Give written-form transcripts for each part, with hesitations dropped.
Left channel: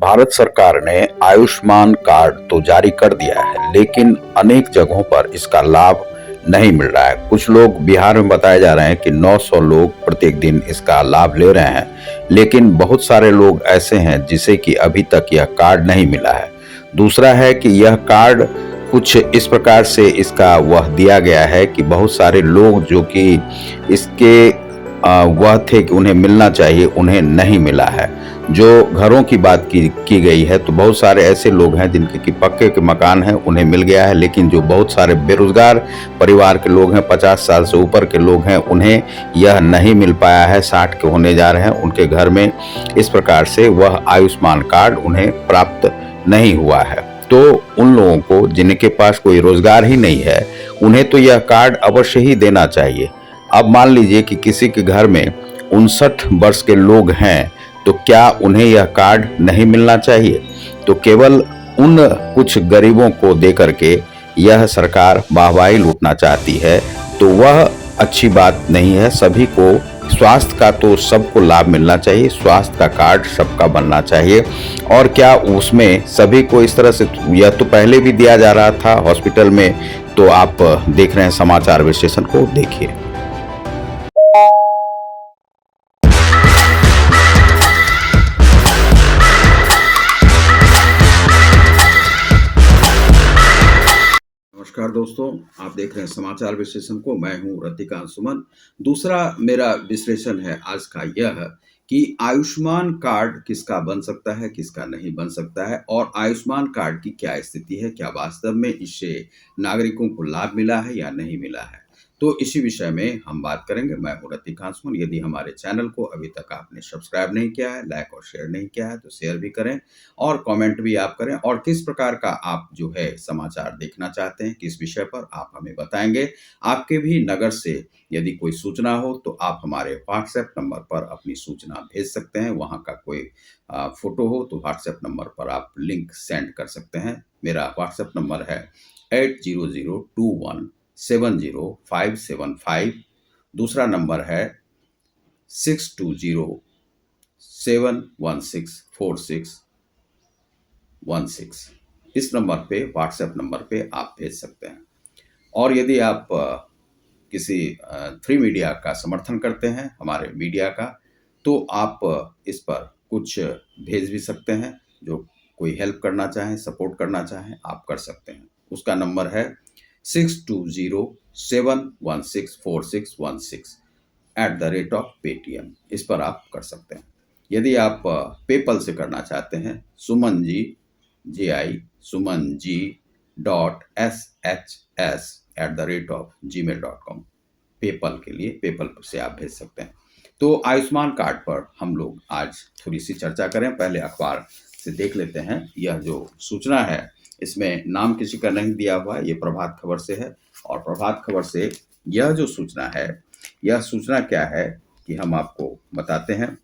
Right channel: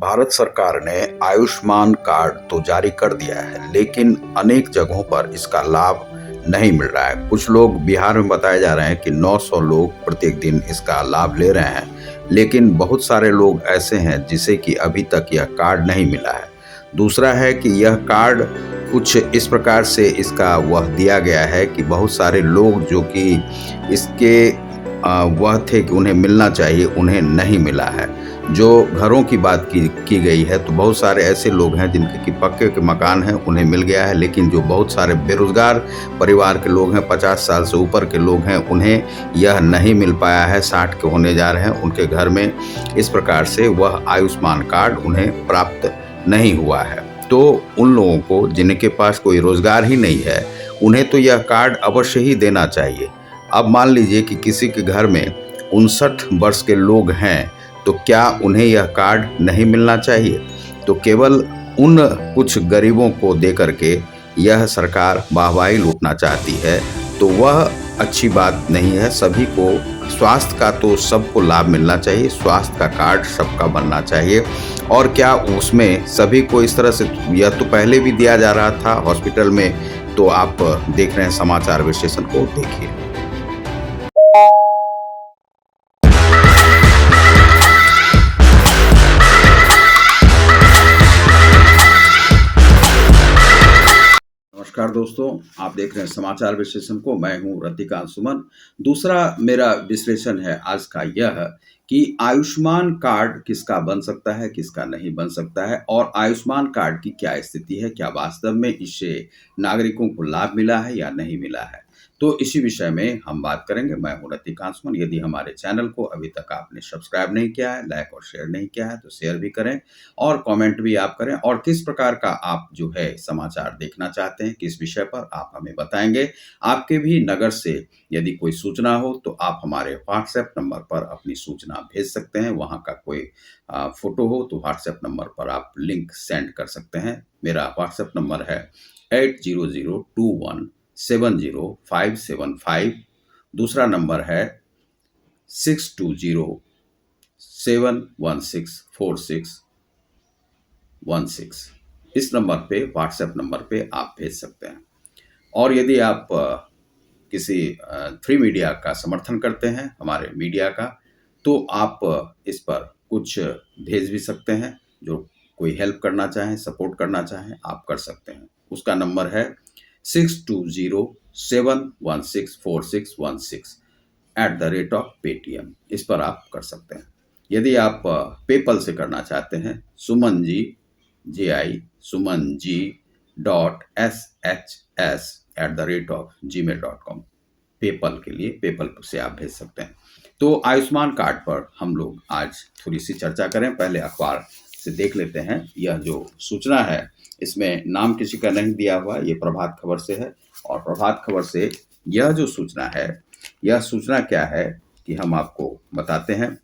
भारत सरकार ने आयुष्मान कार्ड तो जारी कर दिया है, लेकिन अनेक जगहों पर इसका लाभ नहीं मिल रहा है। कुछ लोग बिहार में बताया जा रहे हैं कि 900 लोग प्रत्येक दिन इसका लाभ ले रहे हैं, लेकिन बहुत सारे लोग ऐसे हैं जिसे कि अभी तक यह कार्ड नहीं मिला है। दूसरा है कि यह कार्ड कुछ इस प्रकार से इसका वह दिया गया है कि बहुत सारे लोग जो कि इसके वह थे कि उन्हें मिलना चाहिए, उन्हें नहीं मिला है। जो घरों की बात की गई है तो बहुत सारे ऐसे लोग हैं जिनके कि पक्के के मकान हैं, उन्हें मिल गया है, लेकिन जो बहुत सारे बेरोजगार परिवार के लोग हैं, 50 साल से ऊपर के लोग हैं, उन्हें यह नहीं मिल पाया है। 60 के होने जा रहे हैं उनके घर में, इस प्रकार से वह आयुष्मान कार्ड उन्हें प्राप्त नहीं हुआ है। तो उन लोगों को जिनके पास कोई रोजगार ही नहीं है, उन्हें तो यह कार्ड अवश्य ही देना चाहिए। अब मान लीजिए कि किसी के घर में 59 वर्ष के लोग हैं, तो क्या उन्हें यह कार्ड नहीं मिलना चाहिए? तो केवल उन कुछ गरीबों को देकर के यह सरकार वाहवाही लूटना चाहती है, तो वह अच्छी बात नहीं है। सभी को स्वास्थ्य का तो सबको लाभ मिलना चाहिए, स्वास्थ्य का कार्ड सबका बनना चाहिए। और क्या उसमें सभी को इस तरह से, यह तो पहले भी दिया जा रहा था हॉस्पिटल में। तो आप देख रहे हैं समाचार विश्लेषण को, देखिए। नमस्कार दोस्तों, आप देख रहे हैं समाचार विश्लेषण को। मैं हूं रतिकांत सुमन। दूसरा मेरा विश्लेषण है आज का यह कि आयुष्मान कार्ड किसका बन सकता है, किसका नहीं बन सकता है, और आयुष्मान कार्ड की क्या स्थिति है, क्या वास्तव में इससे नागरिकों को लाभ मिला है या नहीं मिला है। तो इसी विषय में हम बात करेंगे। मैं हूं रतिकांत सुमन। यदि हमारे चैनल को अभी तक आपने सब्सक्राइब नहीं किया है, लाइक और शेयर नहीं किया है, तो शेयर भी करें और कमेंट भी आप करें। और किस प्रकार का आप जो है समाचार देखना चाहते हैं, किस विषय पर, आप हमें बताएंगे। आपके भी नगर से यदि कोई सूचना हो तो आप हमारे व्हाट्सएप नंबर पर अपनी सूचना भेज सकते हैं। वहां का कोई फोटो हो तो व्हाट्सएप नंबर पर आप लिंक सेंड कर सकते हैं। मेरा व्हाट्सएप नंबर है 8002170575। दूसरा नंबर है 6207164616। इस नंबर पे, व्हाट्सएप नंबर पे आप भेज सकते हैं। और यदि आप किसी फ्री मीडिया का समर्थन करते हैं, हमारे मीडिया का, तो आप इस पर कुछ भेज भी सकते हैं। जो कोई हेल्प करना चाहें, सपोर्ट करना चाहें, आप कर सकते हैं। उसका नंबर है 6207164616 इस पर आप कर सकते हैं। यदि आप पेपल से करना चाहते हैं, सुमन जी sumanji.shs@gmail.com, पेपल के लिए पेपल से आप भेज सकते हैं। तो आयुष्मान कार्ड पर हम लोग आज थोड़ी सी चर्चा करें। पहले अखबार से देख लेते हैं। यह जो सूचना है, इसमें नाम किसी का नहीं दिया हुआ है, ये प्रभात खबर से है। और प्रभात खबर से यह जो सूचना है, यह सूचना क्या है कि हम आपको बताते हैं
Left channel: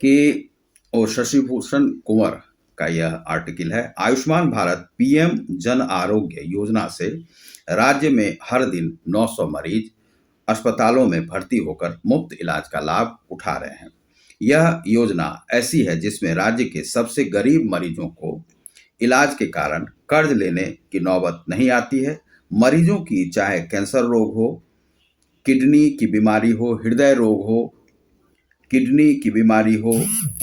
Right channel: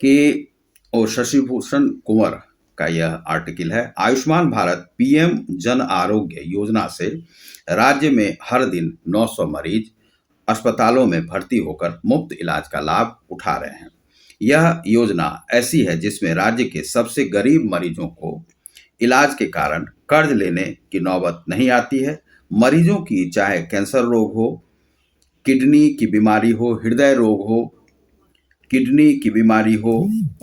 कि शशि भूषण कुंवर का यह आर्टिकल है। आयुष्मान भारत पीएम जन आरोग्य योजना से राज्य में हर दिन 900 मरीज अस्पतालों में भर्ती होकर मुफ्त इलाज का लाभ उठा रहे हैं। यह योजना ऐसी है जिसमें राज्य के सबसे गरीब मरीजों को इलाज के कारण कर्ज लेने की नौबत नहीं आती है। मरीजों की चाहे कैंसर रोग हो, किडनी की बीमारी हो, हृदय रोग हो, किडनी की बीमारी हो,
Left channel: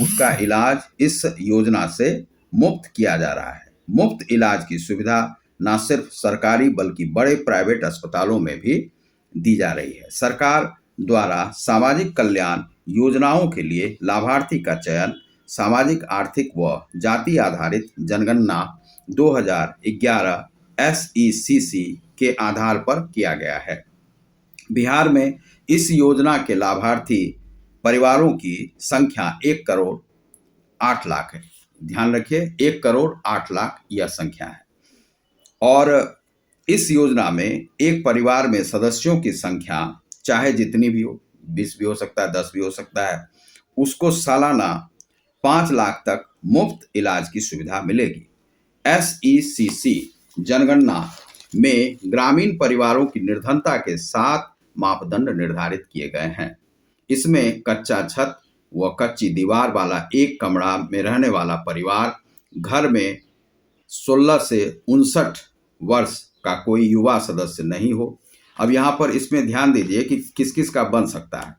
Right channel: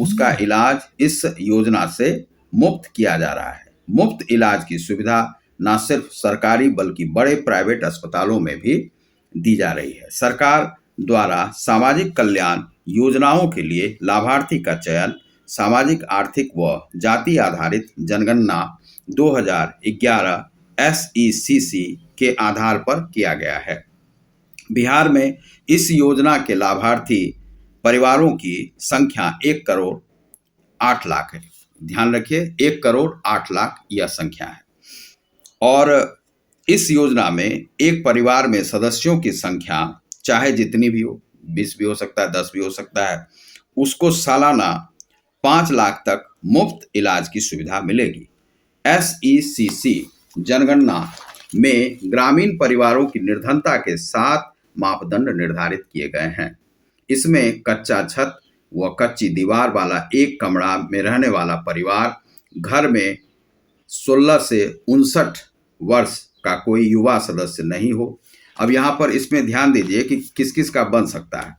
उसका इलाज इस योजना से मुफ्त किया जा रहा है। मुफ्त इलाज की सुविधा न सिर्फ सरकारी बल्कि बड़े प्राइवेट अस्पतालों में भी दी जा रही है। सरकार द्वारा सामाजिक कल्याण योजनाओं के लिए लाभार्थी का चयन सामाजिक आर्थिक व जाति आधारित जनगणना 2011 SECC के आधार पर किया गया है। बिहार में इस योजना के लाभार्थी परिवारों की संख्या 1 करोड़ 8 लाख है। ध्यान रखिए, 1 करोड़ 8 लाख यह संख्या है। और इस योजना में एक परिवार में सदस्यों की संख्या चाहे जितनी भी हो, 20 भी हो सकता है, 10 भी हो सकता है, उसको सालाना 5 लाख तक मुफ्त इलाज की सुविधा मिलेगी। SECC जनगणना में ग्रामीण परिवारों की निर्धनता के 7 मापदंड निर्धारित किए गए हैं। इसमें कच्चा छत, व कच्ची दीवार वाला एक कमरा में रहने वाला परिवार, घर में 16 से 59 वर्ष का कोई युवा सदस्य नहीं हो। अब यहाँ पर इसमें ध्यान दीजिए कि किस किस का बन सकता है।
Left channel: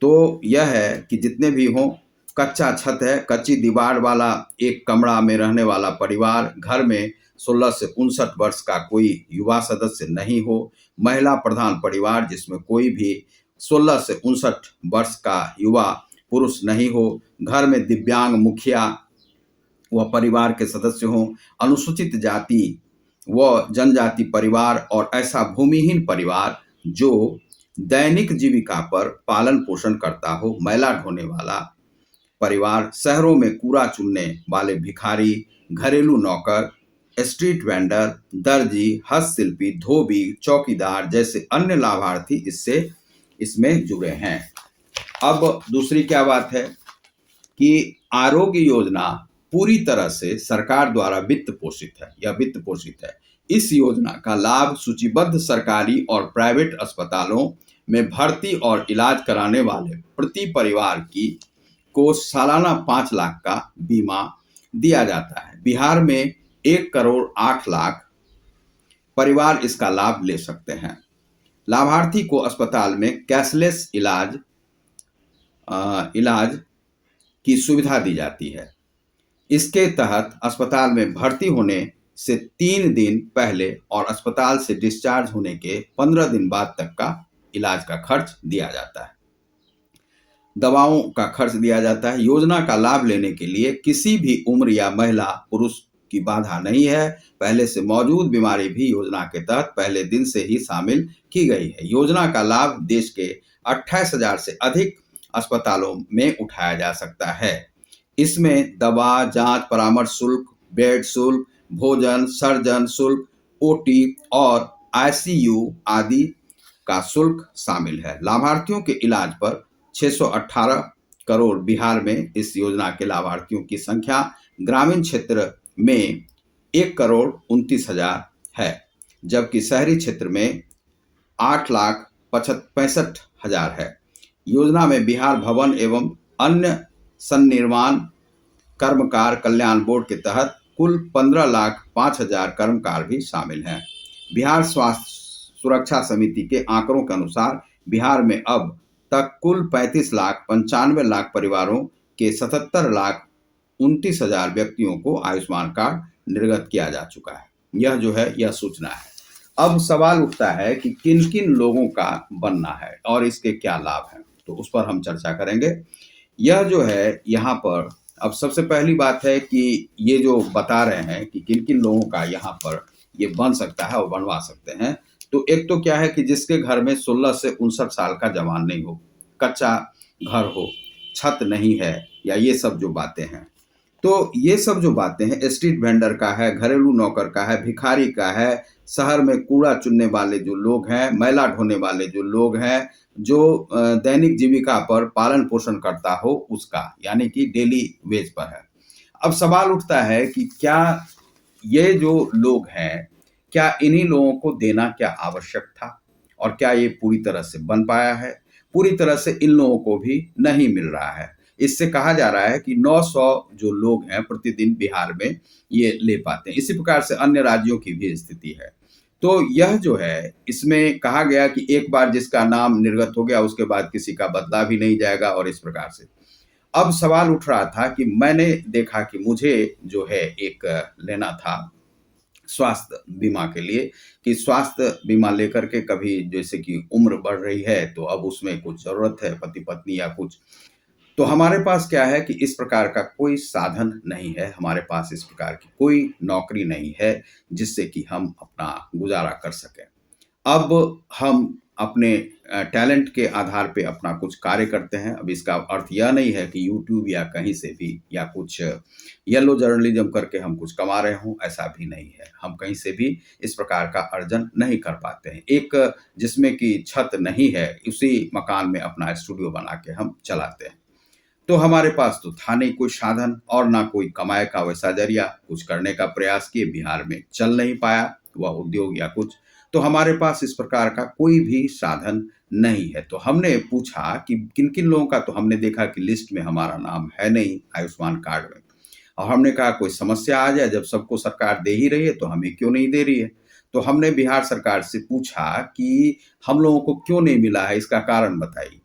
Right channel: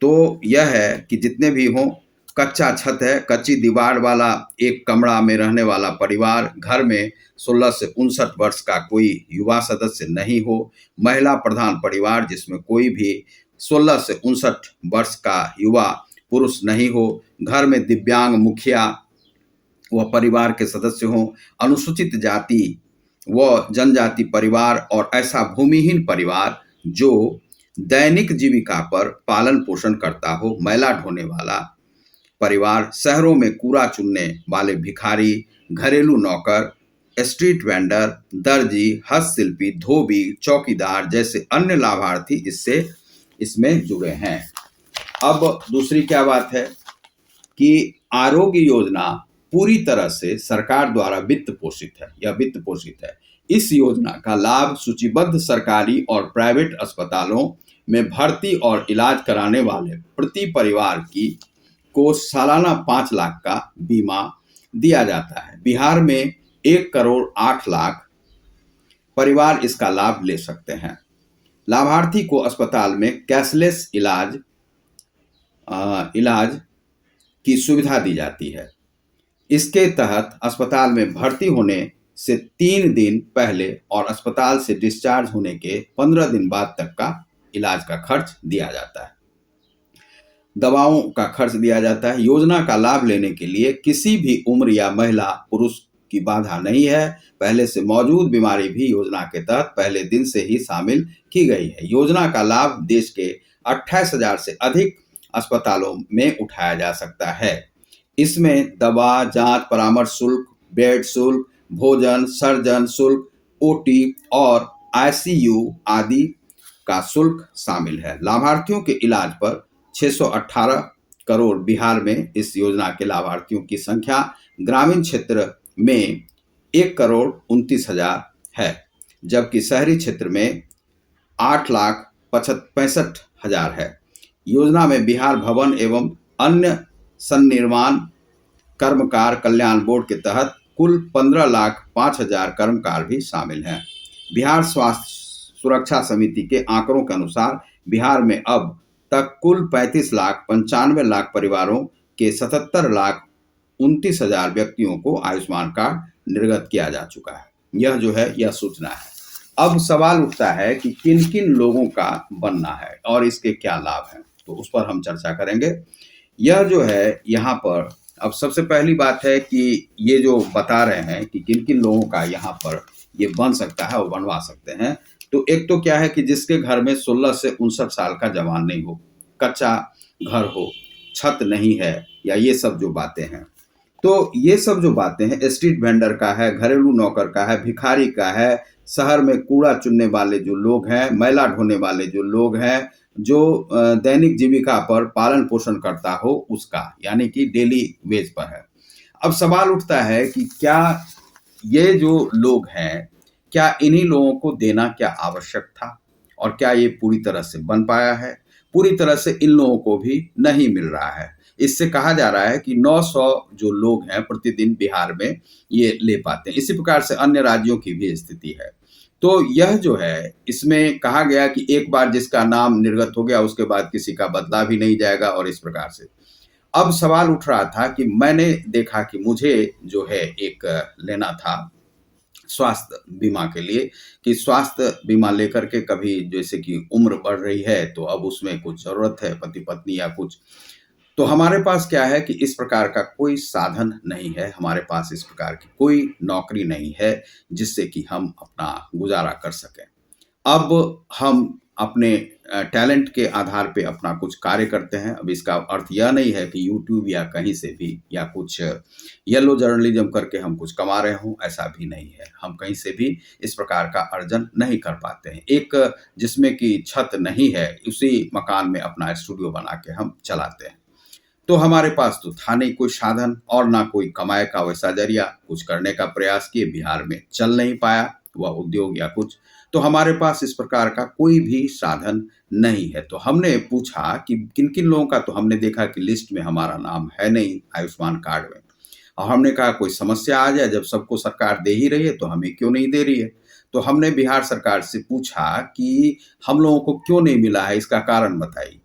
तो यह है कि जितने भी हों, कच्चा छत है, कच्ची दीवार वाला एक कमरा में रहने वाला परिवार, घर में 16 से 59 वर्ष का कोई युवा सदस्य नहीं हो, महिला प्रधान परिवार जिसमें कोई भी 16 से 59 वर्ष का युवा पुरुष नहीं हो, घर में दिव्यांग मुखिया व परिवार के सदस्य हों, अनुसूचित जाति व जनजाति परिवार और ऐसा भूमिहीन परिवार जो दैनिक जीविका पर पालन पोषण करता हो, मैला ढोने वाला परिवार, शहरों में कूड़ा चुनने वाले भिखारी, घरेलू नौकर, स्ट्रीट वेंडर, दर्जी, हस्तशिल्पी, धोबी, चौकीदार जैसे अन्य लाभार्थी इसमें जुड़े हैं। अब दूसरी क्या बात है कि आरोग्य योजना पूरी तरह से सरकार द्वारा वित्त पोषित है या वित्त पोषित है। इस योजना का लाभ सूचीबद्ध सरकारी और प्राइवेट अस्पतालों में भर्ती और इलाज कराने वाले प्रति परिवार को सालाना 5 लाख का बीमा दिया जाता है। बिहार में 1 करोड़ 8 लाख परिवार इसका लाभ ले सकते हैं। लाभार्थी को अस्पताल में कैशलेस इलाज की सुविधा दी जाती है। इसके तहत अस्पताल में भर्ती होने से 3 दिन पहले और अस्पताल से डिस्चार्ज होने के 15 दिन बाद तक का इलाज का खर्च दिया जाता है। दवाओं का खर्च दिया जाता है। योजना का लाभ लेने के लिए किसी भी उम्र या महिला पुरुष की बाधा नहीं है। पहले से मौजूद बीमारी भी योजना के तहत पहले दिन से ही शामिल की गई है। योजना का लाभ देश के 28,000 से अधिक अस्पतालों में उठाया जा सकता है। इसमें दवा, जांच, परामर्श शुल्क, बेड शुल्क, भोजन, सर्जन शुल्क, ओटी और आईसीयू आदि का शुल्क शामिल है। लाभार्थियों के इलाज पर 618 करोड़। बिहार में इस योजना के लाभार्थियों की संख्या ग्रामीण क्षेत्र में 1 करोड़ 29 हजार है, जबकि शहरी क्षेत्र में 8,65 हजार है। योजना में बिहार भवन एवं अन्य सन्निर्माण कर्मकार कल्याण बोर्ड के तहत कुल 15,05,000 कर्मकार भी शामिल हैं। बिहार स्वास्थ्य सुरक्षा समिति के आंकड़ों के अनुसार बिहार में अब तक कुल 35,95,00,000 परिवारों के 77,29,000 व्यक्तियों को आयुष्मान कार्ड निर्गत किया जा चुका है। यह जो है यह सूचना है। अब सवाल उठता है कि किन किन लोगों का बनना है और इसके क्या लाभ हैं, तो उस पर हम चर्चा करेंगे। यह जो है यहाँ पर अब सबसे पहली बात है कि ये जो बता रहे हैं कि किन किन लोगों का यहाँ पर ये बन सकता है और बनवा सकते हैं। तो एक तो क्या है कि जिसके घर में 16 से 59 साल का जवान नहीं हो, कच्चा घर हो, छत नहीं है, या ये सब जो बातें हैं, तो ये सब जो बातें हैं स्ट्रीट वेंडर का है, घरेलू नौकर का है, भिखारी का है, शहर में कूड़ा चुनने वाले जो लोग हैं, मैला ढोने वाले जो लोग हैं, जो दैनिक जीविका पर पालन पोषण करता हो उसका, यानी कि डेली वेज पर है। अब सवाल उठता है कि क्या ये जो लोग हैं, क्या इन्हीं लोगों को देना क्या आवश्यक था और क्या ये पूरी तरह से बन पाया है? पूरी तरह से इन लोगों को भी नहीं मिल रहा है। इससे कहा जा रहा है कि 900 जो लोग हैं प्रतिदिन बिहार में ये ले पाते हैं। इसी प्रकार से अन्य राज्यों की भी स्थिति है। तो यह जो है इसमें कहा गया कि एक बार जिसका नाम निर्गत हो गया उसके बाद किसी का बदला भी नहीं जाएगा, और इस प्रकार से अब सवाल उठ रहा था कि मैंने देखा कि मुझे जो है एक लेना था स्वास्थ्य बीमा के लिए, कि स्वास्थ्य बीमा लेकर के कभी जैसे कि उम्र बढ़ रही है तो अब उसमें कुछ जरूरत है, पति पत्नी या कुछ, तो हमारे पास क्या है कि इस प्रकार का कोई साधन नहीं है, हमारे पास इस प्रकार की कोई नौकरी नहीं है जिससे कि हम अपना गुजारा कर सकें। अब हम अपने टैलेंट के आधार पे अपना कुछ कार्य करते हैं। अब इसका अर्थ यह नहीं है कि यूट्यूब या कहीं से भी या कुछ येलो जर्नलिज्म करके हम कुछ कमा रहे हों, ऐसा भी नहीं है। हम कहीं से भी इस प्रकार का अर्जन नहीं कर पाते हैं। एक जिसमें कि छत नहीं है उसी मकान में अपना स्टूडियो बना के हम चलाते हैं। तो हमारे पास तो था नहीं कोई साधन और ना कोई कमाई का वैसा जरिया। कुछ करने का प्रयास किए, बिहार में चल नहीं पाया वह उद्योग या कुछ, तो हमारे पास इस प्रकार का कोई भी साधन नहीं है। तो हमने पूछा कि किन-किन लोगों का, तो हमने देखा कि लिस्ट में हमारा नाम है नहीं आयुष्मान कार्ड में। और हमने कहा कोई समस्या आ जाए, जब सबको सरकार दे ही रही है तो हमें क्यों नहीं दे रही है? तो हमने बिहार सरकार से पूछा कि हम लोगों को क्यों नहीं मिला है, इसका कारण बताइए।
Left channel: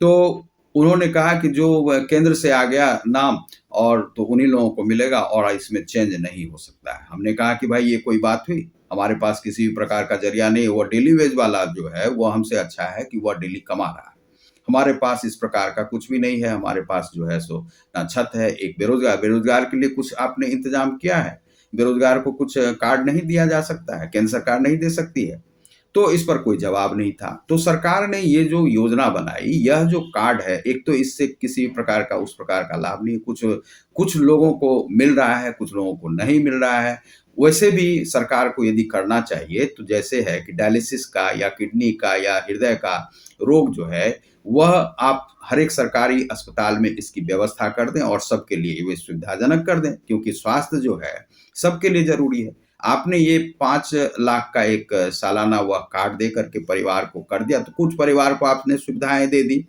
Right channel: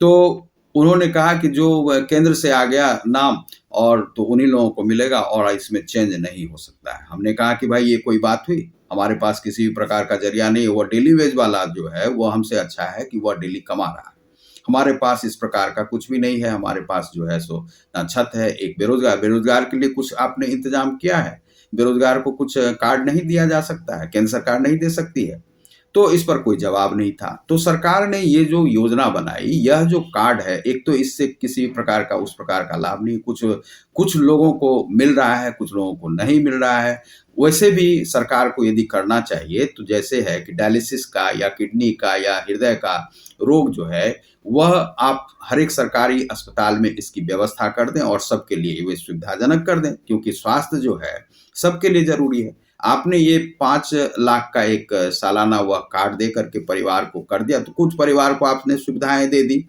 तो उन्होंने कहा कि जो केंद्र से आ गया नाम और तो उन्हीं लोगों को मिलेगा और इसमें चेंज नहीं हो सकता है। हमने कहा कि भाई ये कोई बात हुई? हमारे पास किसी भी प्रकार का ज़रिया नहीं है, वो डेली वेज वाला जो है वो हमसे अच्छा है कि वह डेली कमा रहा है। हमारे पास इस प्रकार का कुछ भी नहीं है, हमारे पास जो है सो ना छत है, एक बेरोज़गार के लिए कुछ आपने इंतज़ाम किया है? बेरोज़गार को कुछ कार्ड नहीं दिया जा सकता है? केंद्र सरकार नहीं दे सकती है? तो इस पर कोई जवाब नहीं था। तो सरकार ने ये जो योजना बनाई, यह जो कार्ड है, एक तो इससे किसी प्रकार का उस प्रकार का लाभ नहीं, कुछ कुछ लोगों को मिल रहा है, कुछ लोगों को नहीं मिल रहा है। वैसे भी सरकार को यदि करना चाहिए, तो जैसे है कि डायलिसिस का या किडनी का या हृदय का रोग जो है, वह आप हर एक सरकारी अस्पताल में इसकी व्यवस्था कर दें और सबके लिए वे सुविधाजनक कर दें, क्योंकि स्वास्थ्य जो है, सबके लिए ज़रूरी है। आपने ये 5 लाख का एक सालाना वह कार्ड दे करके परिवार को कर दिया, तो कुछ परिवार को आपने सुविधाएँ दे दी,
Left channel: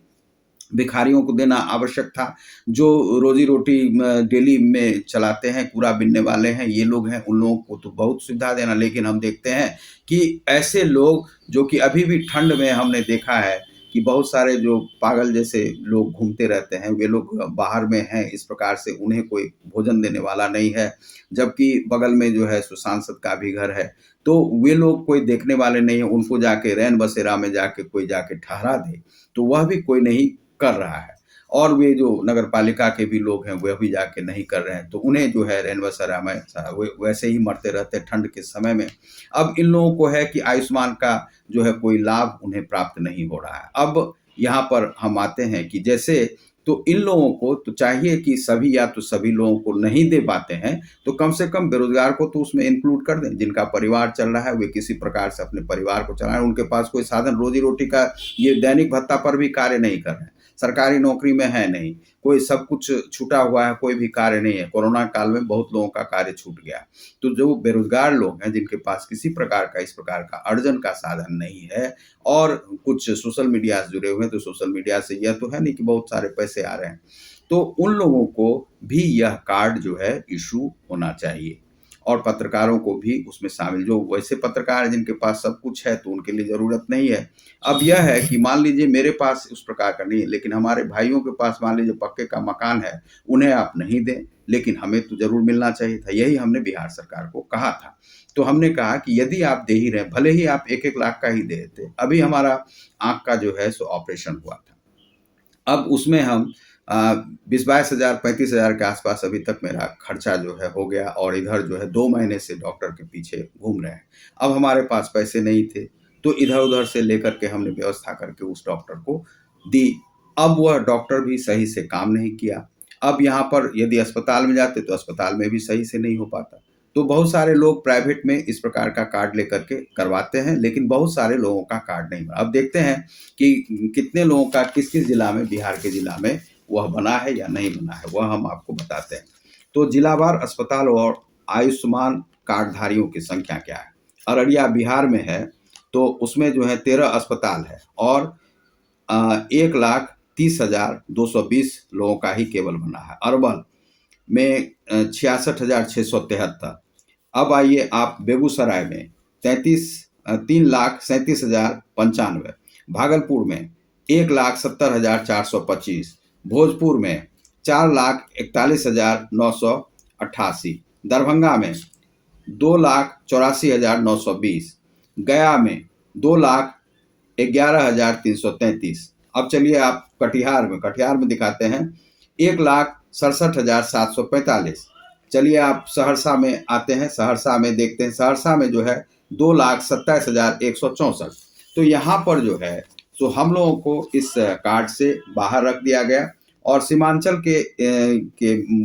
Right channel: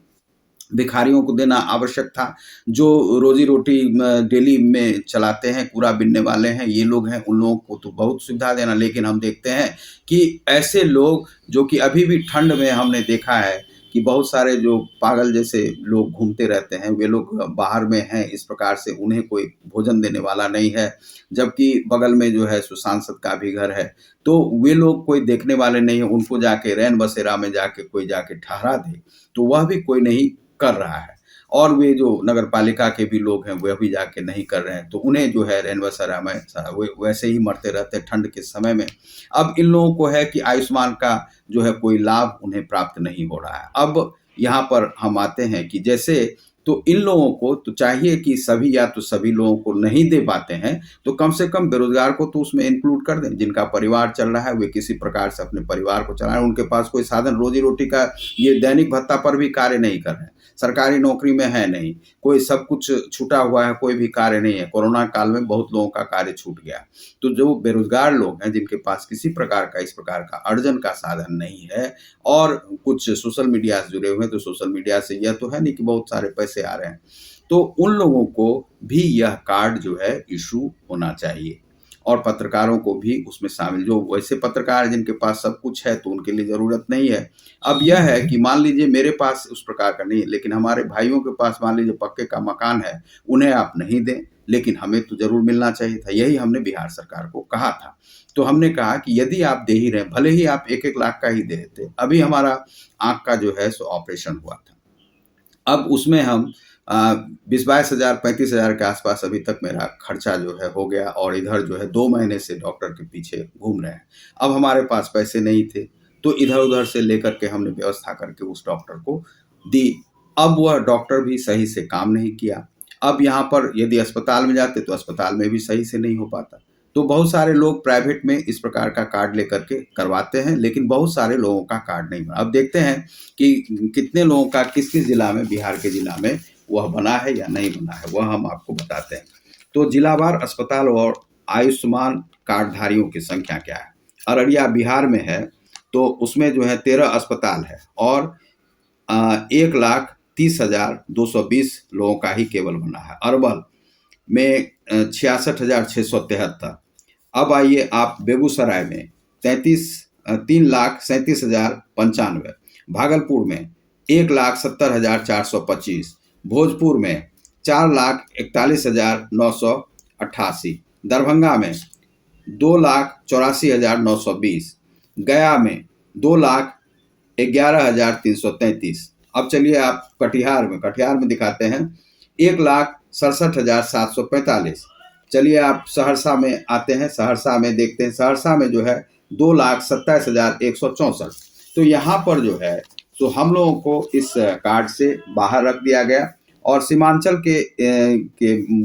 भिखारियों को देना आवश्यक था। जो रोज़ी-रोटी डेली में चलाते हैं, कूड़ा बीनने वाले हैं, ये लोग हैं, उन लोगों को तो बहुत सुविधा देना। लेकिन हम देखते हैं कि ऐसे लोग जो कि अभी भी ठंड में हमने देखा है कि बहुत सारे जो पागल जैसे लोग घूमते रहते हैं, वे लोग बाहर में हैं, इस प्रकार से उन्हें कोई भोजन देने वाला नहीं है। जबकि बगल में जो है सो सांसद का भी घर है, तो वे लोग कोई देखने वाले नहीं हैं, उनको जाके रैन बसेरा में जाके कोई जाके ठहरा दे, तो वह भी कोई नहीं कर रहा है। और वे जो नगर पालिका के भी लोग हैं, वह भी जाके नहीं कर रहे हैं, तो उन्हें जो है रैन बसेरा में वे वैसे ही मरते रहते हैं ठंड के समय में। अब इन लोगों को है कि आयुष्मान का जो है कोई लाभ उन्हें प्राप्त नहीं हो रहा है। अब यहाँ पर हम आते हैं कि जैसे तो इन लोगों को तो चाहिए कि सभी या तो सभी लोगों को नहीं दे पाते हैं, तो कम से कम बेरोज़गार को तो उसमें इंक्लूड कर दें। जिनका परिवार चल रहा है, वे किसी प्रकार से अपने परिवार को चला रहे हैं, उनके पास कोई साधन रोज़ी-रोटी का, ये दैनिक भत्ता पर भी कार्य नहीं कर रहे हैं। सरकारी नौकरी में है नहीं, कोई सब कुछ छूटा हुआ है, कोई भी कार्य नहीं है। कोरोना काल में बहुत लोगों का कार्य छूट गया। तो जो बेरोज़गार लोग हैं, जिनके पास किसी प्रकार का इस प्रकार का अर्जन का साधन नहीं है और कुछ सोशल मीडिया से जुड़े हुए हैं, तो सोशल मीडिया से यह तो है नहीं कि बहुत सारे पैसे आ रहे हैं। तो उन लोगों को भी यह कार्ड जो है इश्यू होना चाहिए और पत्रकारों को भी उसमें शामिल, जो वैसे पत्रकार हैं जिनके पास सब कुछ है, तो उनके लिए ज़रूरत नहीं है। अब यह है कि मान लीजिए मेरे पास उस प्रकार का नहीं है, लेकिन हमारे भाइयों के पास मान लीजिए पक्के का मकान है, उन्हें आप नहीं दें, लेकिन हमें तो ज़रूर मिलना चाहिए था। यही हमने बिहार सरकार को कहा था। तो हमने कहा कि यदि आप दे ही रहे हैं, भले ही आप 1-1 लाख का ही दे देते। अभी हमारा आँख का जो है सो ऑपरेशन हुआ था। अब उसमें हम 20-22 हज़ार 35 हज़ार के आसपास अभी तक मेरा खर्चा जो है हो गया और इधर जो है 2 महीने से डॉक्टर के पीछे घूम रहे हैं। अब हमारे पास पैसे नहीं थे, तो इधर-उधर से लेकर के हमने व्यवस्था करके उस डॉक्टर को दी। अब वह डॉक्टर भी सही से काम नहीं किया। अब यहाँ पर यदि अस्पताल में जाते, तो अस्पताल में भी सही से नहीं हो पाता। तो बहुत सारे लोग प्राइवेट में इस प्रकार का कार्ड लेकर के करवाते हैं, लेकिन बहुत सारे लोगों का कार्ड नहीं बना। अब देखते हैं कि कितने लोगों का किस-किस जिला में, बिहार के जिला में वह बना है या नहीं बना है, वह हम आपको बताते हैं। तो जिलावार अस्पताल और आयुष्मान कार्डधारियों की संख्या क्या है? अररिया बिहार में है, तो उसमें जो है 13 अस्पताल है और 1,30,220 लोगों का ही केवल बना है। अरवल में 66,673। अब आइए आप बेगूसराय में 3,37,095। भागलपुर में 1,70,425। भोजपुर में 4,41,988। दरभंगा में 2,84,920। गया में 2,11,333। अब चलिए आप कटिहार में दिखाते हैं 1,67,745। चलिए आप सहरसा में आते हैं, सहरसा में देखते हैं, सहरसा में जो है 2,27,164। तो यहाँ पर जो है तो हम लोगों को इस कार्ड से बाहर रख दिया गया और सीमांचल के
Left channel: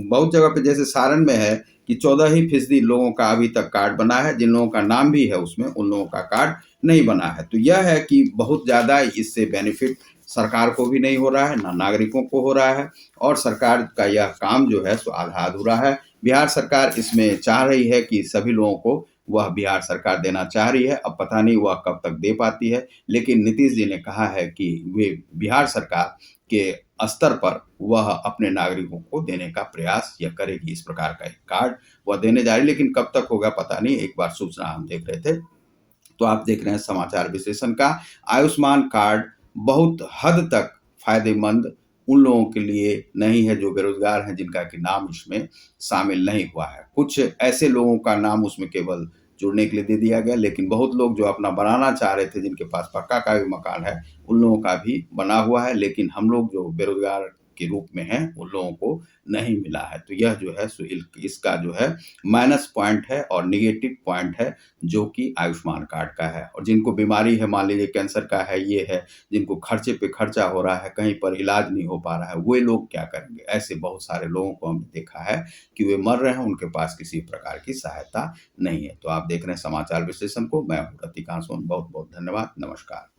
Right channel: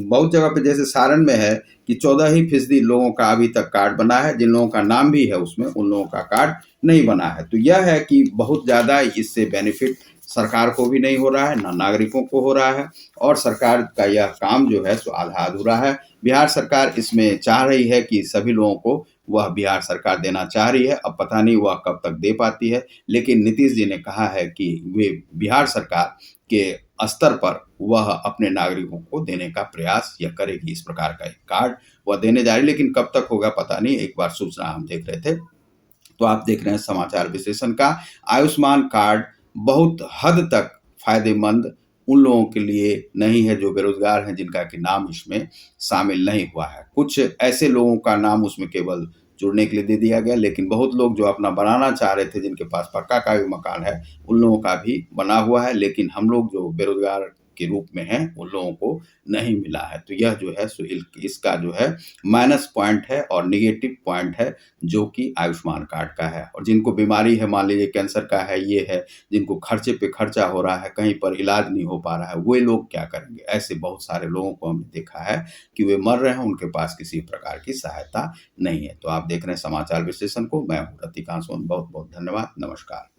बहुत जगह पे, जैसे सारण में है कि 14% लोगों का अभी तक कार्ड बना है, जिन लोगों का नाम भी है उसमें, उन लोगों का कार्ड नहीं बना है। तो यह है कि बहुत ज़्यादा इससे बेनिफिट सरकार को भी नहीं हो रहा है, ना नागरिकों को हो रहा है और सरकार का यह काम जो है सो आधा अधूरा है। बिहार सरकार इसमें चाह रही है कि सभी लोगों को वह बिहार सरकार देना चाह रही है। अब पता नहीं वह कब तक दे पाती है, लेकिन नीतीश जी ने कहा है कि वे बिहार सरकार के स्तर पर वह अपने नागरिकों को देने का प्रयास यह करेगी। इस प्रकार का एक कार्ड वह देने जा रही है, लेकिन कब तक होगा पता नहीं। एक बार सूचना हम देख रहे थे, तो आप देख रहे हैं समाचार विश्लेषण का। आयुष्मान कार्ड बहुत हद तक फायदेमंद उन लोगों के लिए नहीं है जो बेरोजगार हैं, जिनका कि नाम इसमें शामिल नहीं हुआ है। कुछ ऐसे लोगों का नाम उसमें केवल जुड़ने के लिए दे दिया गया, लेकिन बहुत लोग जो अपना बनाना चाह रहे थे, जिनके पास पक्का का भी मकान है, उन लोगों का भी बना हुआ है, लेकिन हम लोग जो बेरोजगार के रूप में हैं, उन लोगों को नहीं मिला है। तो यह जो है सो इसका जो है माइनस पॉइंट है और नेगेटिव पॉइंट है, जो कि आयुष्मान कार्ड का है। और जिनको बीमारी है, मान लीजिए कैंसर का है, ये है, जिनको खर्चे पे खर्चा हो रहा है, कहीं पर इलाज नहीं हो पा रहा है, वे लोग क्या करेंगे? ऐसे बहुत सारे लोगों को हमने देखा है कि वे मर रहे हैं, उनके पास किसी प्रकार की सहायता नहीं है। तो आप देख रहे हैं समाचार विश्लेषण को, मैं हूँ रतिकांत सोन। बहुत बहुत धन्यवाद। नमस्कार।